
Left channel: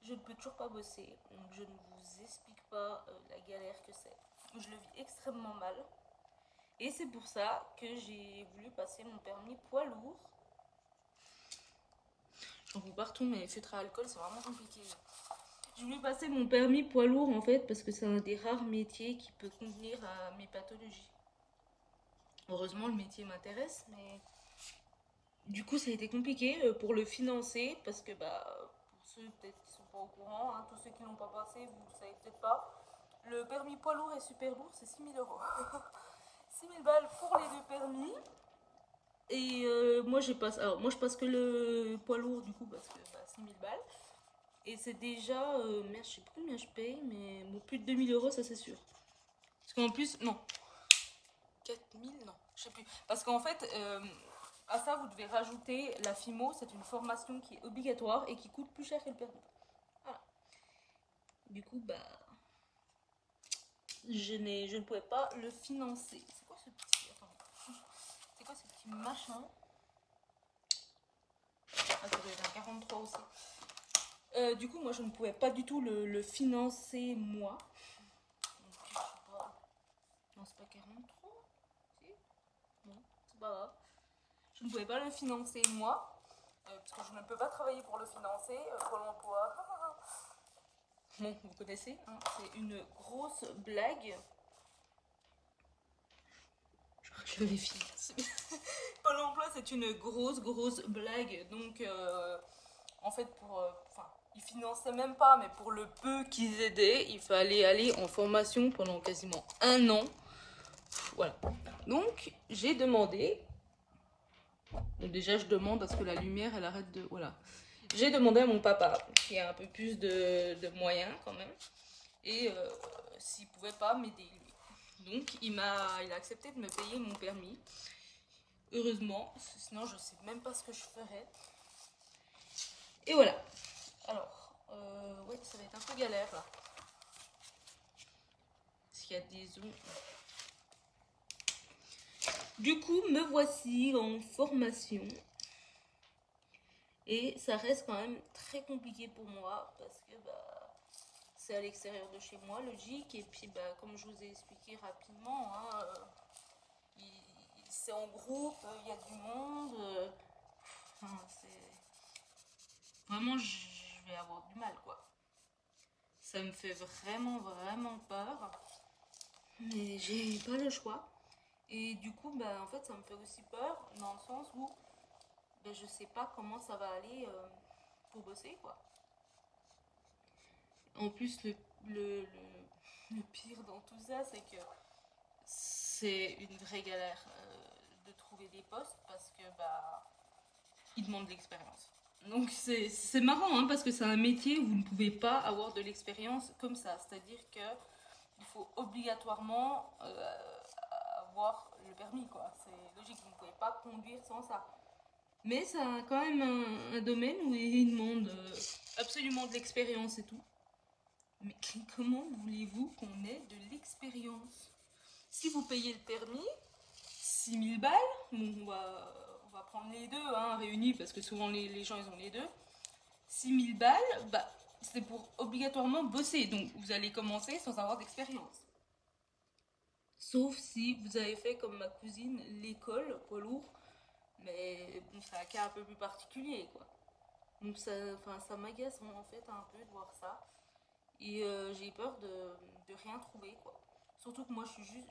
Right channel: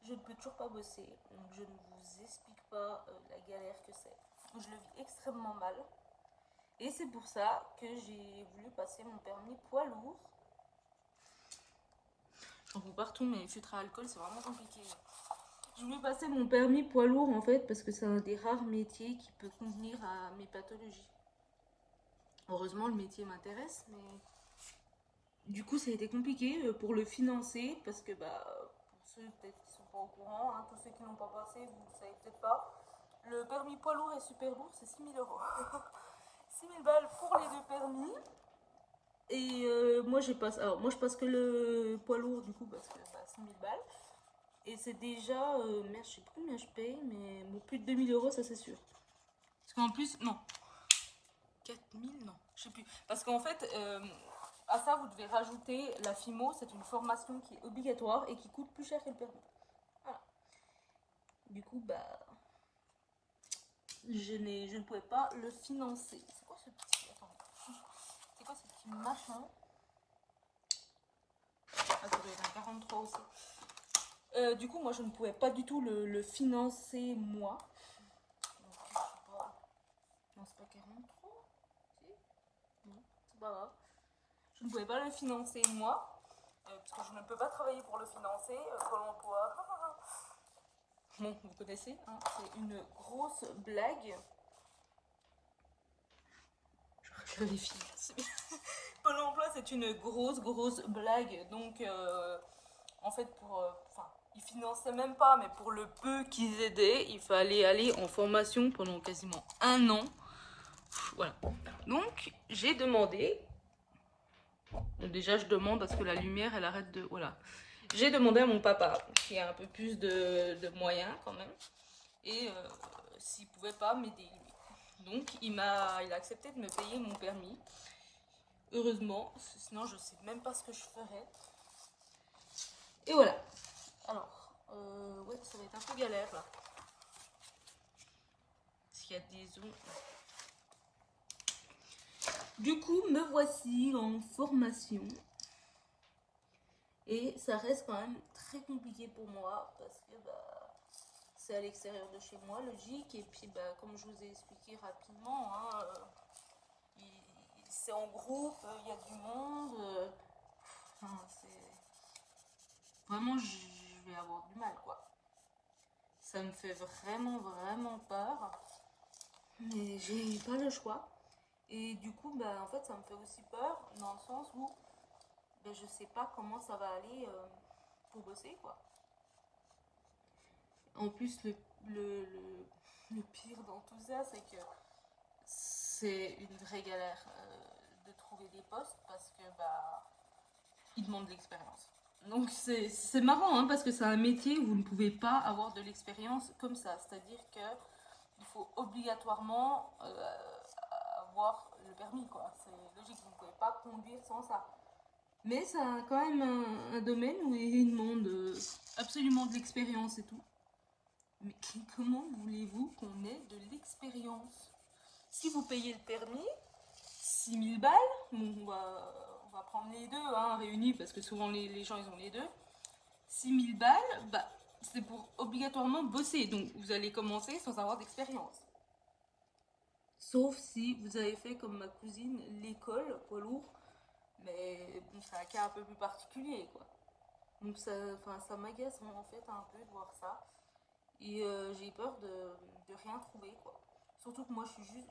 Je ne peux toujours pas bosser, donc je ne vous explique pas la galère que c'est. Je le vis extrêmement mal. Et c'est pour ça que j'ai voulu passer mon permis poids lourd. J'en vois partout, mais filtre à alcool, c'est vraiment compliqué. J'ai voulu passer mon permis poids lourd en fait parce que c'est un des rares métiers qui peut convenir à mes pathologies. Heureusement, le métier m'intéresse, mais du coup, ça a été compliqué pour le financer parce que, pour ceux peut-être qui sont pas au courant, hein, tous ceux qui l'ont pas passé, vous le savez peut-être pas, le permis poids lourd et super lourd, c'est 6 000 euros. 6 000 balles pour les deux permis. Et moi, moi, je passe que le poids lourd du coup parce que 6 000 balles. Et c'est déjà, merde, je sais plus combien je paye, mais bon, plus de 2 000 euros, ça c'est sûr. Parce qu'en plus, non, 4 000, non, je sais plus. Parce qu'en fait, à ça, vous devez rajouter la FIMO, c'est une formation qui est obligatoire et qui coûte plus cher que le permis. Voilà. Du coup, je ne pouvais pas le financer. C'est quoi ce petit... Attends. C'est quoi ce petit machin? Attendez, il y a 43 aussi. Du coup, moi, je ne pouvais pas du tout le financer moi. Donc, je sais pas. Non, c'est pas 43? Si? Non, c'est pas grave. Je ne pouvais pas le financer moi, parce que je ne peux pas travailler pour le financer. Pôle emploi. Bon, vous connaissez, hein, c'est une grosse blague. Je vérifie. Pôle emploi, c'est une grosse blague. Donc, en fait, ils finançaient même pas, mais pour le peu qu'ils aidaient, il fallait aller en formation pendant quasiment un an. Voilà. Donc, j'ai demandé. Donc déjà, je demande à ce que la lumière, elle arrête de... Voilà. J'ai demandé à mon papa, qui a un peu plus de moyens quand même, et s'il pouvait pas m'aider lui. Donc, il a accepté de me payer mon permis. Heureusement, sinon je sais même pas ce que je ferais. Et voilà. Alors, ouais, ça va être un peu galère là. Parce qu'il y a des ongles. Du coup, me voici en formation. Et ça reste quand même très compliqué pour moi parce que c'est à l'extérieur de chez moi, logique. Et puis, comme je vous ai expliqué rapidement, hein, c'est en groupe, il y a du monde. Enfin, c'est... Vraiment, je vais avoir du mal, quoi. Ça me fait vraiment peur. Mais j'ai pas le choix. Et du coup, en fait, ça me fait aussi peur dans le sens où je sais pas comment ça va aller pour bosser, quoi. En plus, le pire dans tout ça, c'est que c'est une vraie galère de trouver des postes parce que ils demandent de l'expérience. Donc c'est marrant hein, parce que c'est un métier où vous ne pouvez pas avoir de l'expérience comme ça. C'est-à-dire que il faut obligatoirement avoir le permis, quoi. C'est logique, vous ne pouvez pas conduire sans ça. Mais c'est quand même un domaine où ils demandent absolument de l'expérience et tout. Mais comment voulez-vous qu'on ait de l'expérience? Si vous payez le permis, 6 000 balles, bon, on va prendre les deux hein, réunis parce que souvent les gens ils ont les deux. 6 000 balles, c'est pour obligatoirement bosser. Donc vous allez commencer sans avoir d'expérience. Sauf si vous avez fait comme ma cousine l'école poids lourd. Mais bon, c'est un cas un peu plus particulier, quoi. Donc ça m'agace en fait un peu de voir ça. Et j'ai peur de rien trouver, quoi. Surtout que moi je serai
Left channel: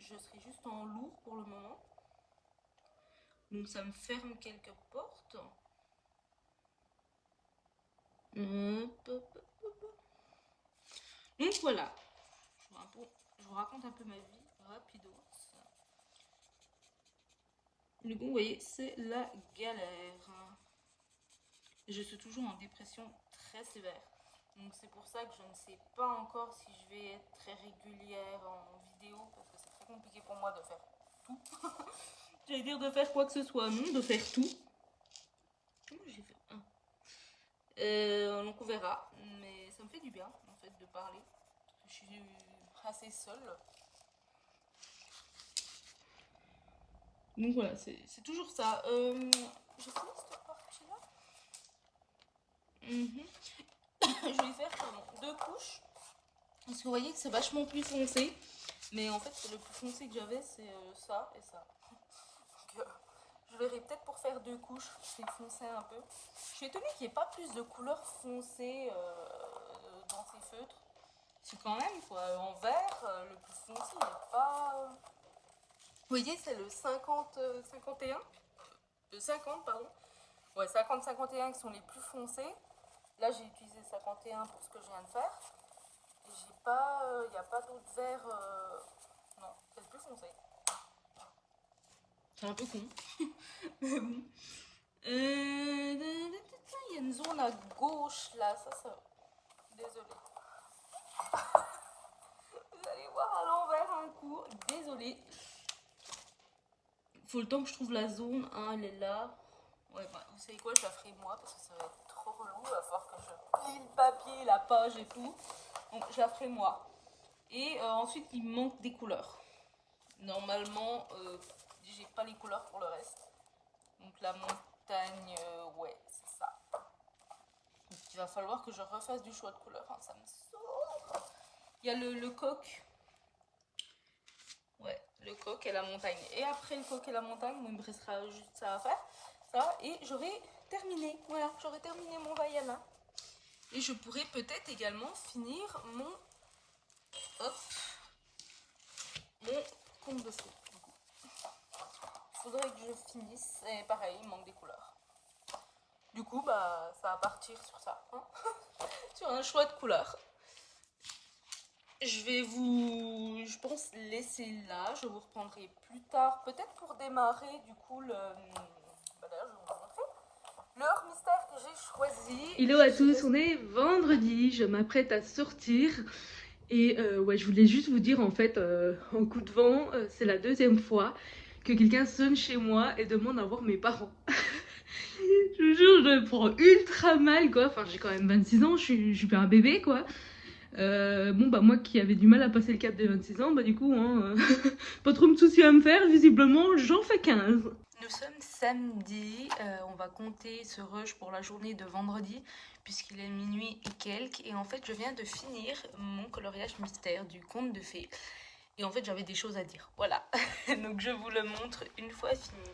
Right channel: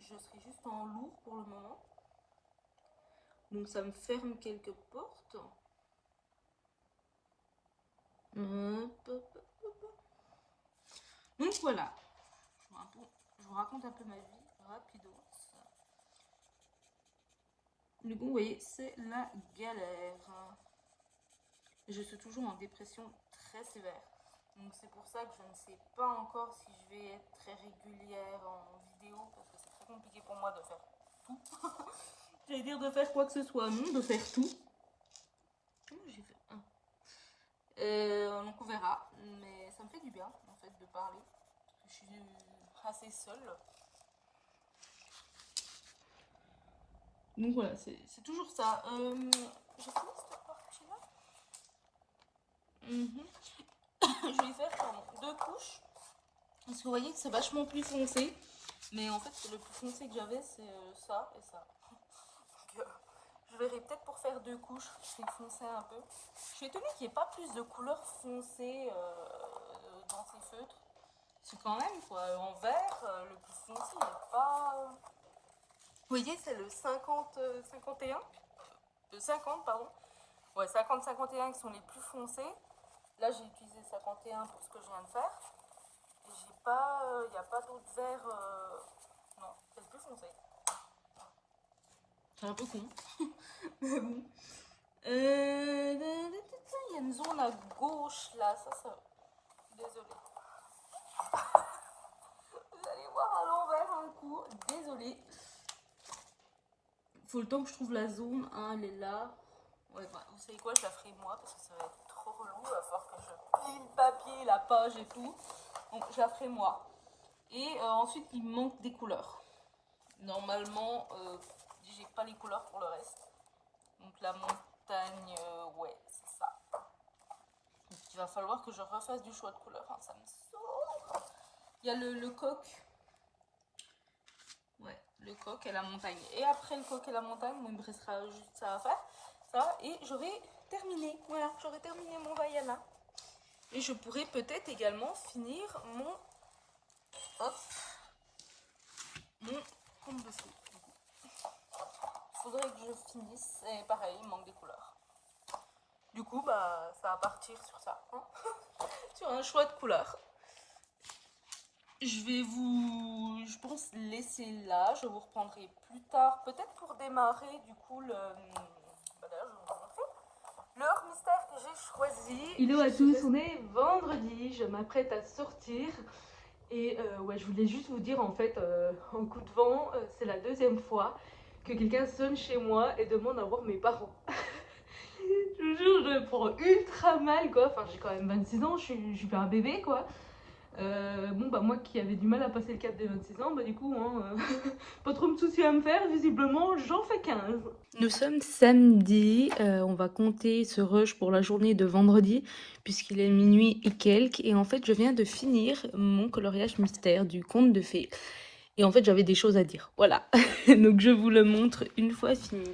juste en lourd pour le moment. Donc ça me ferme quelques portes. Hop, hop, hop. Donc voilà. Je vous raconte un peu ma vie rapido. Du coup, vous voyez, c'est la galère. Je suis toujours en dépression très sévère. Donc c'est pour ça que je ne sais pas encore si je vais être très régulière en vidéo parce que c'est très compliqué pour moi de faire tout. J'allais dire de faire quoi que ce soit, non, de faire tout. J'ai fait un. Donc on verra, mais ça me fait du bien en fait de parler. Je suis assez seule. Donc voilà, c'est toujours ça. J'ai fini cette partie-là. Je vais faire deux couches. Parce que vous voyez que c'est vachement plus foncé. Mais en fait, le plus foncé que j'avais, c'est ça et ça. Donc, je verrai peut-être pour faire deux couches, je vais foncer un peu. Je suis étonnée qu'il n'y ait pas plus de couleurs foncées dans ces feutres. C'est quand même, quoi, en vert, le plus foncé, il n'est pas... Vous voyez, c'est le 50-51. 50, pardon. Ouais, 50-51 qui sont les plus foncés. Là, j'ai utilisé 51 pour ce que je viens de faire. Et j'ai pas... Il n'y a pas d'autres verts... Non, c'est le plus foncé. C'est un peu con. Mais bon. Il y a une zone à gauche là, ça. Désolée. Vous allez voir à l'envers un coup. Désolée. Faut le temps que je trouve la zone. Hein, elle est là. Ouais, bah, vous savez quoi, je la ferai moi parce que ça va être trop relou. Il va falloir que je plie le papier, la page et tout. Donc je la ferai moi. Et ensuite, il me manque des couleurs. Normalement, j'ai pas les couleurs pour le reste. Donc la montagne, ouais, c'est ça. Donc, il va falloir que je refasse du choix de couleurs. Hein, ça me saoule. Il y a le coq. Ouais, le coq et la montagne. Et après le coq et la montagne, bon, il me restera juste ça à faire. Ça, et j'aurai terminé. Voilà, j'aurai terminé mon Vaiana. Et je pourrais peut-être également finir mon... Hop. Mon compte de fond. Faudrait que je finisse. Et pareil, il manque des couleurs. Du coup, bah, ça va partir sur ça. Hein sur un choix de couleurs. Je vais vous, je pense, laisser là. Je vous reprendrai plus tard, peut-être pour démarrer du coup le... Bah d'ailleurs, je vais vous montrer l'heure mystère que j'ai choisi. Hello à tous, on est vendredi, je m'apprête à sortir. Et ouais, je voulais juste vous dire en fait, en coup de vent, c'est la deuxième fois que quelqu'un sonne chez moi et demande à voir mes parents. Je vous jure, je le prends ultra mal quoi. Enfin, j'ai quand même 26 ans, je suis pas un bébé quoi. Bon bah moi qui avais du mal à passer le cap des 26 ans, bah du coup, hein, pas trop de soucis à me faire, visiblement j'en fais 15. Nous sommes samedi, on va compter ce rush pour la journée de vendredi puisqu'il est minuit et quelques et en fait je viens de finir mon coloriage mystère du conte de fées et en fait j'avais des choses à dire, voilà. Donc je vous le montre une fois fini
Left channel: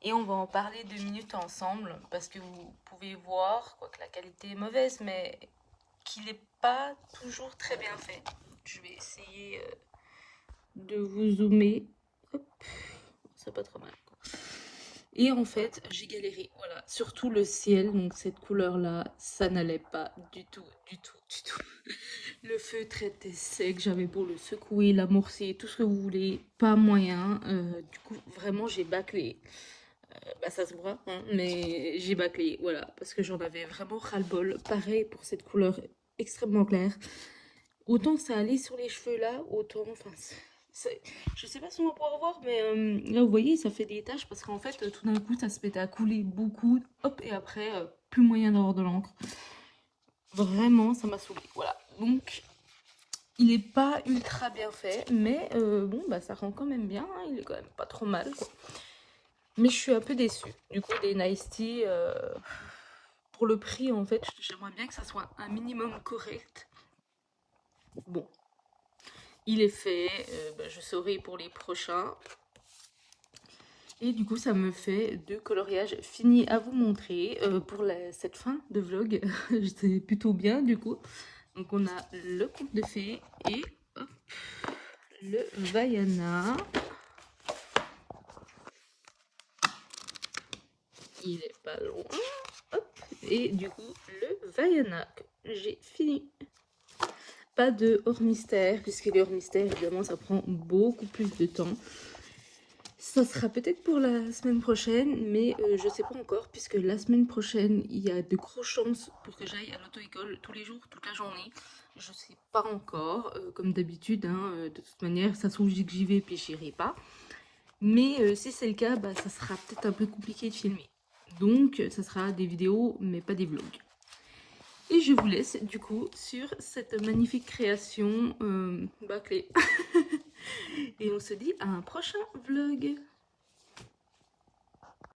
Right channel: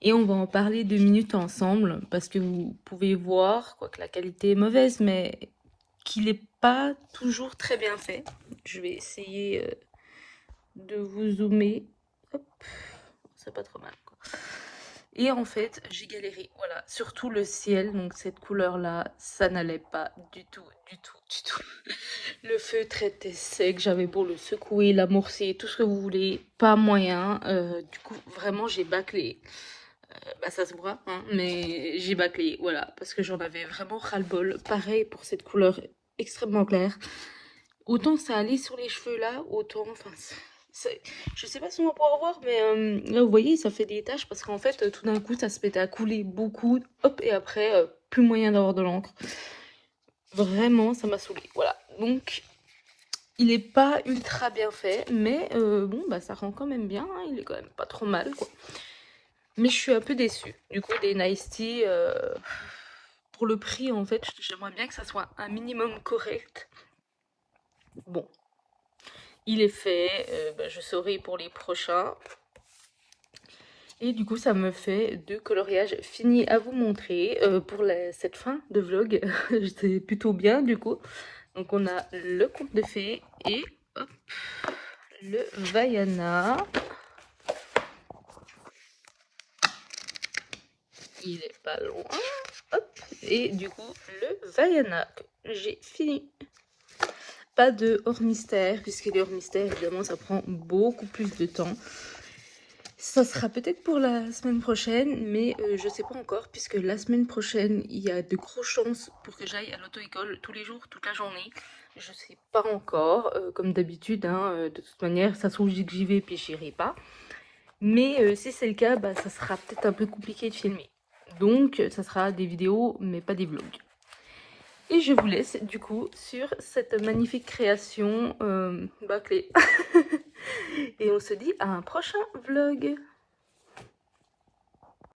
et on va en parler 2 minutes ensemble parce que vous pouvez voir, quoique la qualité est mauvaise, mais qu'il n'est pas toujours très bien fait. Je vais essayer de vous zoomer. Hop, c'est pas trop mal. Quoi. Et en fait, j'ai galéré. Voilà, surtout le ciel. Donc cette couleur-là, ça n'allait pas du tout, du tout, du tout. Le feutre était sec. J'avais beau le secouer, l'amorcer, tout ce que vous voulez, pas moyen. Du coup, vraiment, j'ai bâclé. Bah ça se voit, hein, mais j'ai bâclé, voilà, parce que j'en avais vraiment ras-le-bol. Pareil pour cette couleur extrêmement claire. Autant ça allait sur les cheveux là, autant, enfin, je sais pas si on va pouvoir voir, mais là vous voyez, ça fait des taches parce qu'en fait, tout d'un coup, ça se mettait à couler beaucoup, hop, et après, plus moyen d'avoir de l'encre. Vraiment, ça m'a saoulée, voilà. Donc, il est pas ultra bien fait, mais bon, bah ça rend quand même bien, hein, il est quand même pas trop mal, quoi. Mais je suis un peu déçue. Du coup, des Nice Tea, pour le prix, en fait, j'aimerais bien que ça soit un minimum correct. Bon, il est fait. Bah, je saurai pour les prochains. Et du coup, ça me fait 2 coloriages finis à vous montrer pour cette fin de vlog. C'est plutôt bien du coup. Donc on a le conte de fées et hop, le Vaiana. Il est pas loin. Hop, et du coup, le Vaiana que j'ai fini. Pas de hors mystère, puisque les hors mystères, évidemment, ça prend beaucoup plus de temps. Ça sera peut-être pour la semaine prochaine, mais je sais pas encore, puisque la semaine prochaine, il y a de grosses chances pour que j'aille à l'auto-école tous les jours, toute la journée. Je sais pas encore, comme d'habitude, hein, de toute manière, ça se trouve que j'y vais puis j'irai pas. Mais si c'est le cas, bah, ça sera peut-être un peu compliqué de filmer. Donc, ça sera des vidéos, mais pas des vlogs. Et je vous laisse du coup sur cette magnifique création bâclée. Et on se dit à un prochain vlog.